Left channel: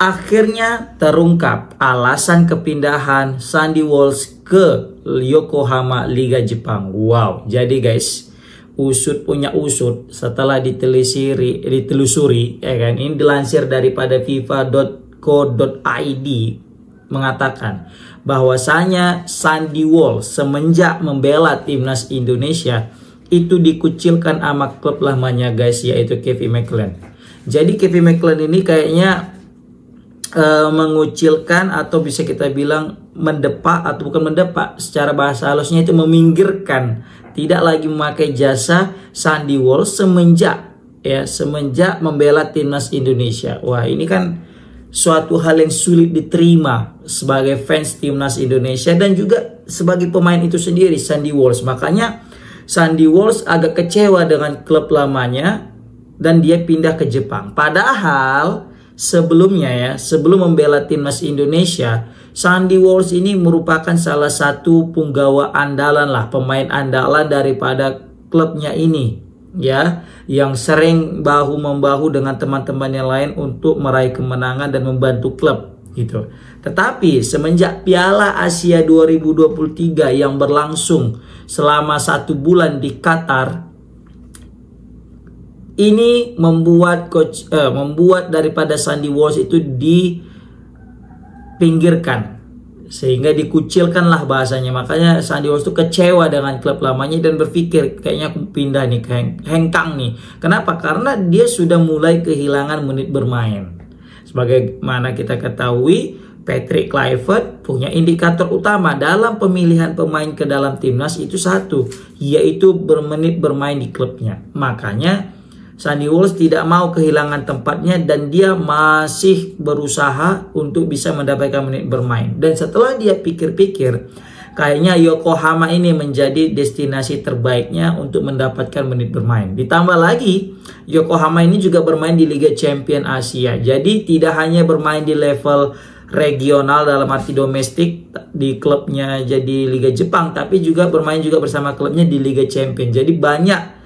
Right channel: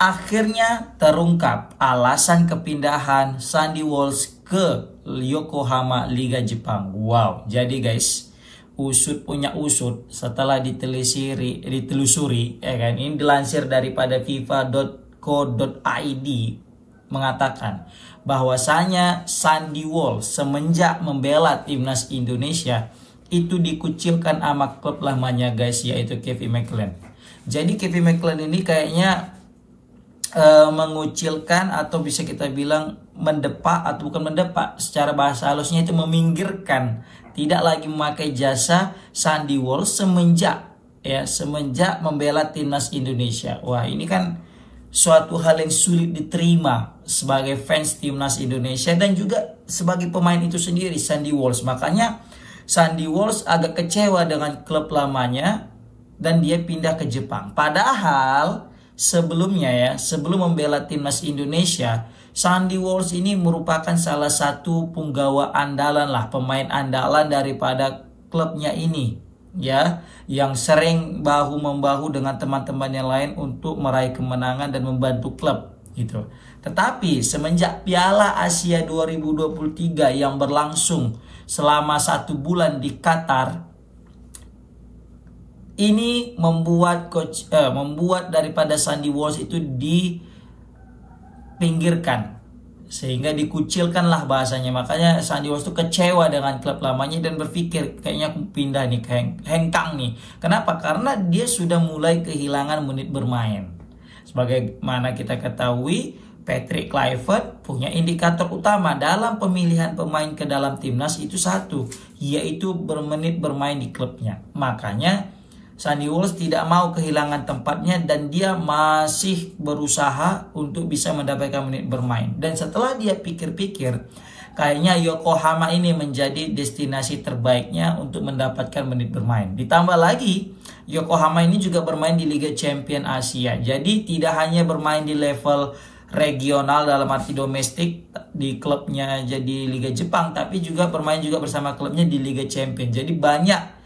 Akhirnya terungkap alasan kepindahan Sandy Walsh ke Yokohama Liga Jepang. Wow, jadi guys, usut punya usut setelah ditelusuri, ya kan? Ini dilansir daripada FIFA.co.id mengatakan bahwasanya Sandy Walsh semenjak membela timnas Indonesia itu dikucilkan sama klub lamanya guys, yaitu Kevin McClelland. Jadi Kevin McClelland ini kayaknya mengucilkan atau bisa kita bilang mendepak, atau bukan mendepak, secara bahasa halusnya itu meminggirkan, tidak lagi memakai jasa Sandy Walsh semenjak membela timnas Indonesia. Wah, ini kan suatu hal yang sulit diterima sebagai fans timnas Indonesia dan juga sebagai pemain itu sendiri, Sandy Walsh. Makanya Sandy Walsh agak kecewa dengan klub lamanya dan dia pindah ke Jepang. Padahal sebelumnya sebelum membela timnas Indonesia, Sandy Walsh ini merupakan salah satu punggawa andalan lah, pemain andalan daripada klubnya ini, ya, yang sering bahu-membahu dengan teman-teman yang lain untuk meraih kemenangan dan membantu klub gitu. Tetapi semenjak Piala Asia 2023 yang berlangsung selama 1 bulan di Qatar, ini membuat daripada Sandy Walsh itu dipinggirkan, sehingga dikucilkanlah bahasanya. Makanya Sandy Walsh itu kecewa dengan klub lamanya dan berpikir kayaknya aku pindah nih, hengkang nih. Kenapa? Karena dia sudah mulai kehilangan menit bermain. Sebagaimana kita ketahui, Patrick Kluivert punya indikator utama dalam pemilihan pemain ke dalam timnas itu satu, yaitu bermenit bermain di klubnya. Makanya Sandy Walsh tidak mau kehilangan tempatnya dan dia masih berusaha untuk bisa mendapatkan menit bermain. Dan setelah dia pikir-pikir, kayaknya Yokohama ini menjadi destinasi terbaiknya untuk mendapatkan menit bermain. Ditambah lagi, Yokohama ini juga bermain di Liga Champion Asia. Jadi tidak hanya bermain di level regional dalam arti domestik di klubnya jadi Liga Jepang, tapi juga bermain juga bersama klubnya di Liga Champion. Jadi banyak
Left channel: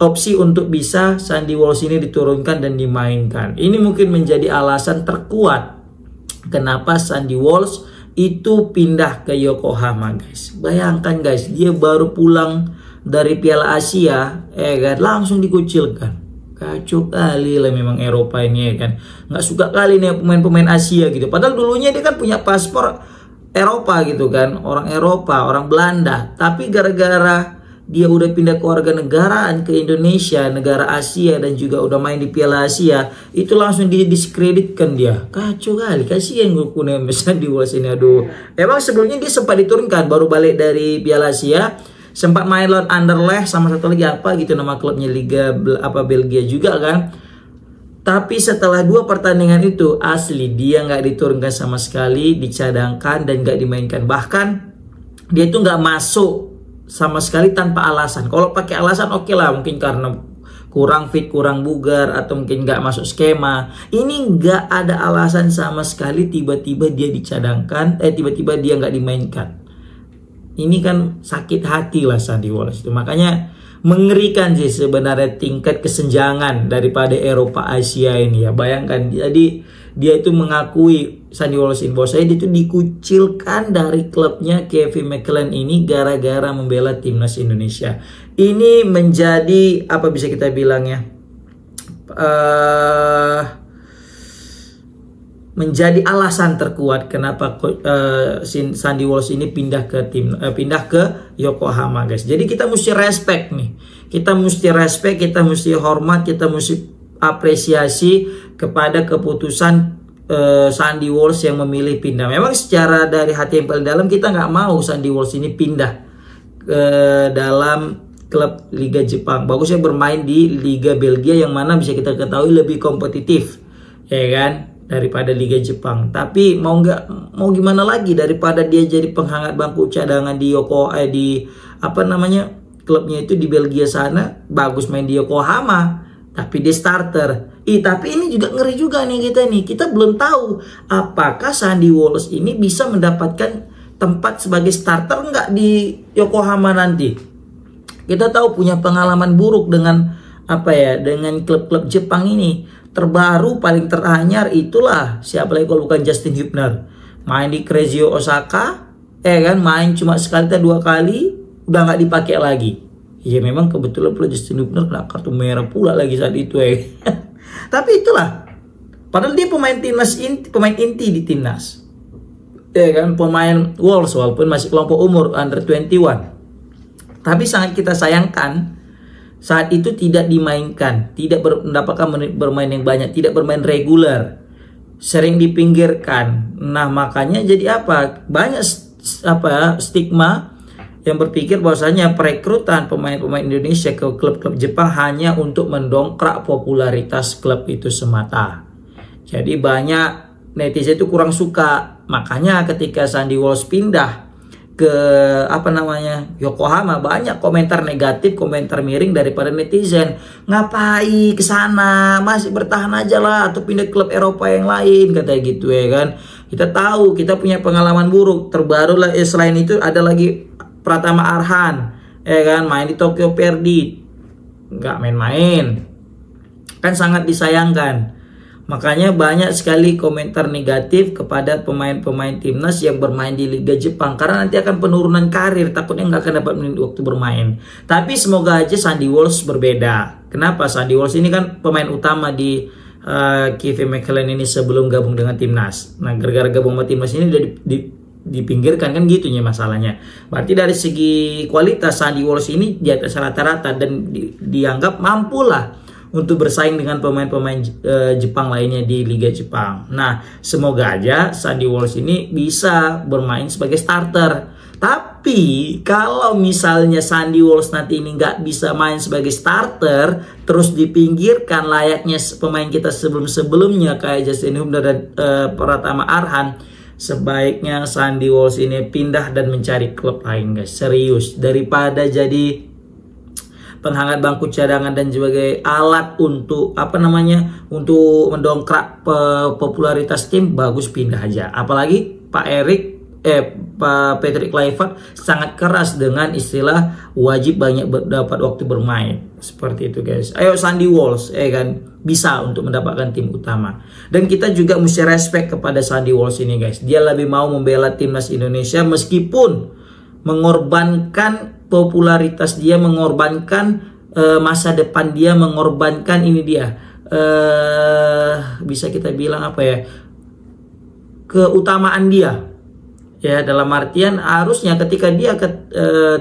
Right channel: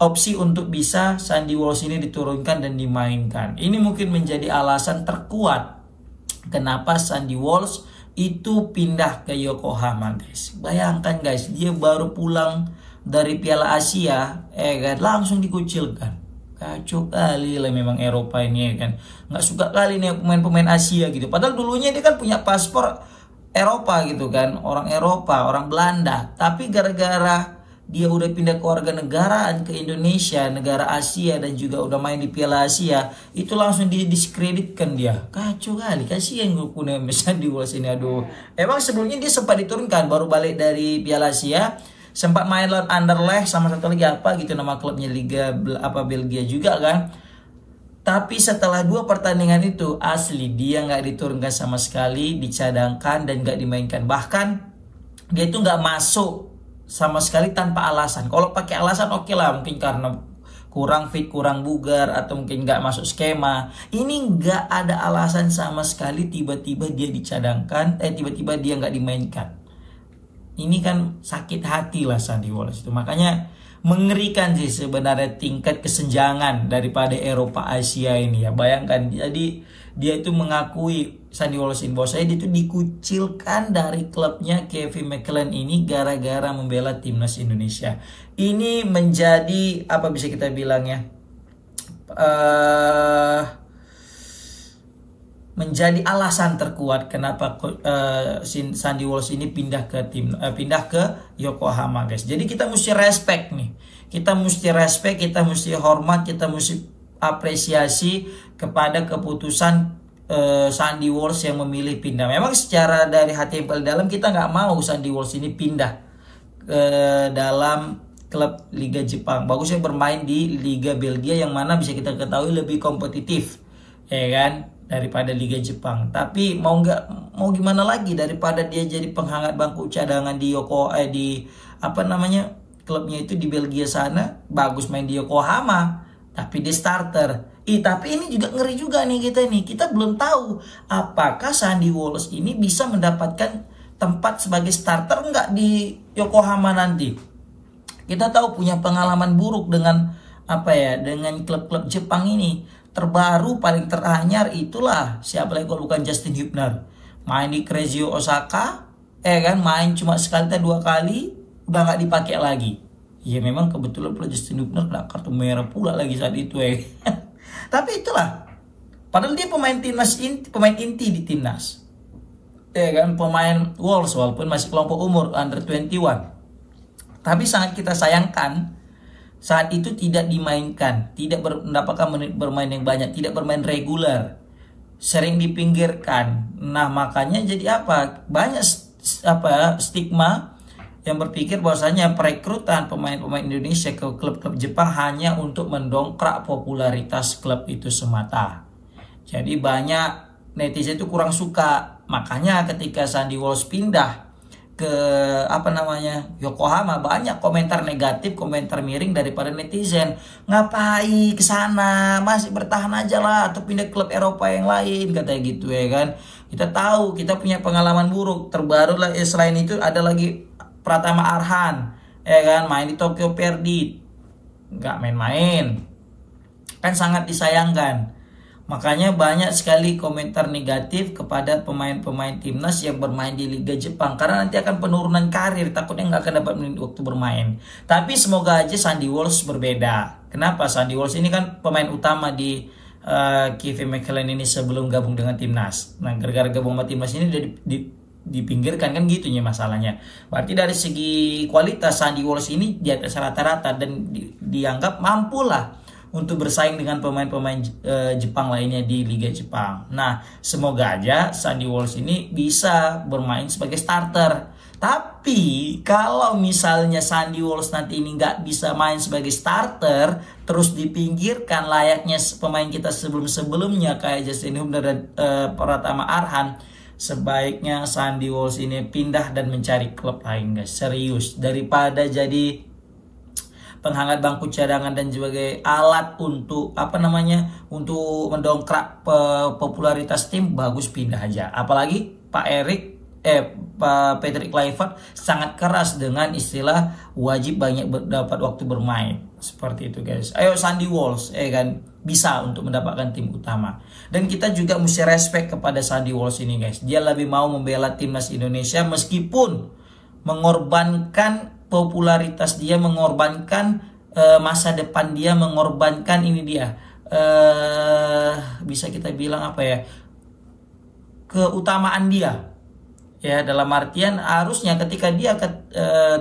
opsi untuk bisa Sandy Walsh ini diturunkan dan dimainkan. Ini mungkin menjadi alasan terkuat kenapa Sandy Walsh itu pindah ke Yokohama guys. Bayangkan guys, dia baru pulang dari Piala Asia, langsung dikucilkan. Kacau kali lah memang Eropa ini, ya kan. Nggak suka kali nih pemain-pemain Asia gitu. Padahal dulunya dia kan punya paspor Eropa gitu kan, orang Eropa, orang Belanda. Tapi gara-gara dia udah pindah ke warga negaraan ke Indonesia, negara Asia, dan juga udah main di Piala Asia, itu langsung didiskreditkan dia. Kacau kali, kasihan gue punya Sandy Walsh ini, aduh. Emang sebelumnya dia sempat diturunkan, baru balik dari Piala Asia, sempat main lawan Anderlecht sama satu lagi apa gitu nama klubnya, Liga Belgia juga kan. Tapi setelah 2 pertandingan itu asli dia nggak diturunkan sama sekali, dicadangkan dan nggak dimainkan. Bahkan dia itu nggak masuk sama sekali tanpa alasan. Kalau pakai alasan oke lah, mungkin karena kurang fit, kurang bugar, atau mungkin nggak masuk skema. Ini nggak ada alasan sama sekali, tiba-tiba dia dicadangkan, tiba-tiba dia nggak dimainkan. Ini kan sakit hati lah Sandy Walsh itu. Makanya mengerikan sih sebenarnya tingkat kesenjangan daripada Eropa Asia ini ya. Bayangkan, jadi dia itu mengakui, Sandy Walsh info saya, dia itu dikucilkan dari klubnya Kevin McClelland ini gara-gara membela timnas Indonesia. Ini menjadi apa bisa kita bilang ya, menjadi alasan terkuat kenapa Sandy Walsh ini pindah ke Yokohama guys. Jadi kita mesti respect nih, kita mesti respect, kita mesti hormat, kita mesti apresiasi kepada keputusan Sandy Walsh yang memilih pindah. Memang secara dari hati yang paling dalam kita nggak mau Sandy Walsh ini pindah ke dalam klub Liga Jepang. Bagusnya bermain di Liga Belgia yang mana bisa kita ketahui lebih kompetitif, ya kan, daripada Liga Jepang. Tapi mau gimana lagi, daripada dia jadi penghangat bangku cadangan di klubnya itu di Belgia sana, bagus main di Yokohama tapi dia starter. Tapi ini juga ngeri juga nih kita belum tahu apakah Sandy Walsh ini bisa mendapatkan tempat sebagai starter nggak di Yokohama nanti. Kita tahu punya pengalaman buruk dengan dengan klub-klub Jepang ini. terbaru paling teranyar itulah siapa lagi kalau bukan Justin Hubner, main di Crazy Osaka, kan, main cuma sekali atau 2 kali udah nggak dipakai lagi. Ya memang kebetulan pula Justin Hubner kena kartu merah pula lagi saat itu Tapi itulah, padahal dia pemain timnas pemain inti di timnas, kan, pemain Wolves walaupun masih kelompok umur under 21. Tapi sangat kita sayangkan saat itu tidak dimainkan, tidak mendapatkan menit bermain yang banyak, tidak bermain reguler, sering dipinggirkan. Nah makanya jadi apa? Banyak stigma yang berpikir bahwasanya perekrutan pemain-pemain Indonesia ke klub-klub Jepang hanya untuk mendongkrak popularitas klub itu semata. Jadi banyak netizen itu kurang suka. Makanya ketika Sandy Walsh pindah ke Yokohama, banyak komentar negatif, komentar miring daripada netizen. Ngapain ke sana, masih bertahan aja lah atau pindah klub Eropa yang lain, katanya gitu kan. Kita tahu kita punya pengalaman buruk. Terbaru lah selain itu ada lagi Pratama Arhan, kan, main di Tokyo Verdy, nggak main-main, kan sangat disayangkan. Makanya banyak sekali komentar negatif kepada pemain-pemain timnas yang bermain di Liga Jepang. Karena nanti akan penurunan karir, takutnya nggak akan dapat waktu bermain. Tapi semoga aja Sandy Walsh berbeda. Kenapa? Sandy Walsh ini kan pemain utama di Kevin McClellan ini sebelum gabung dengan timnas. Nah gara-gara gabung sama timnas ini udah dipinggirkan kan gitunya masalahnya. Berarti dari segi kualitas Sandy Walsh ini di atas rata-rata dan dianggap mampulah untuk bersaing dengan pemain-pemain Jepang lainnya di Liga Jepang. Nah, semoga aja Sandy Walsh ini bisa bermain sebagai starter. Tapi kalau misalnya Sandy Walsh nanti ini nggak bisa main sebagai starter, terus dipinggirkan layaknya pemain kita sebelum-sebelumnya kayak Justin Hubner dan Pratama Arhan, sebaiknya Sandy Walsh ini pindah dan mencari klub lain, guys. Serius, daripada jadi penghangat bangku cadangan dan sebagai alat untuk untuk mendongkrak popularitas tim, bagus pindah aja. Apalagi Pak Patrick Kluivert sangat keras dengan istilah wajib banyak dapat waktu bermain seperti itu, guys. Ayo Sandy Walsh kan bisa untuk mendapatkan tim utama. Dan kita juga mesti respect kepada Sandy Walsh ini, guys. Dia lebih mau membela timnas Indonesia meskipun mengorbankan popularitas dia, mengorbankan masa depan dia, mengorbankan ini dia bisa kita bilang keutamaan dia, ya, dalam artian harusnya ketika dia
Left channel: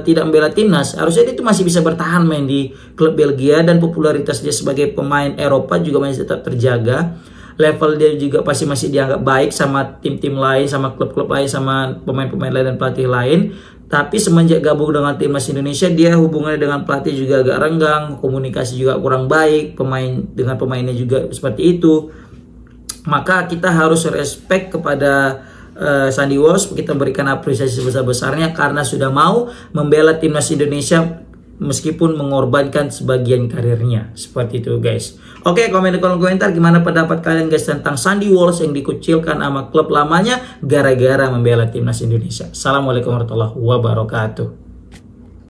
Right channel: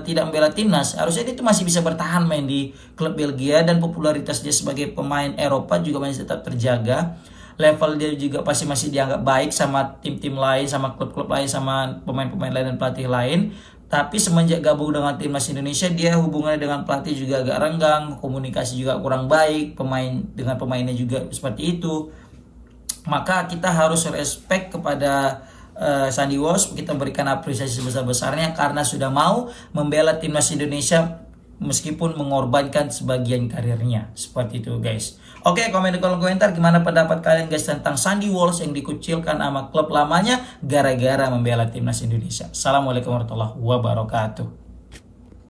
tidak membela timnas, harusnya dia itu masih bisa bertahan main di klub Belgia dan popularitas dia sebagai pemain Eropa juga masih tetap terjaga. Level dia juga pasti masih dianggap baik sama tim-tim lain, sama klub-klub lain, sama pemain-pemain lain dan pelatih lain. Tapi semenjak gabung dengan timnas Indonesia, dia hubungannya dengan pelatih juga agak renggang, komunikasi juga kurang baik, pemainnya juga seperti itu. Maka kita harus respect kepada Sandy Walsh, kita berikan apresiasi sebesar-besarnya karena sudah mau membela timnas Indonesia meskipun mengorbankan sebagian karirnya. Seperti itu, guys. Oke, komen di kolom komentar gimana pendapat kalian, guys, tentang Sandy Walsh yang dikucilkan sama klub lamanya gara-gara membela timnas Indonesia. Assalamualaikum warahmatullahi wabarakatuh.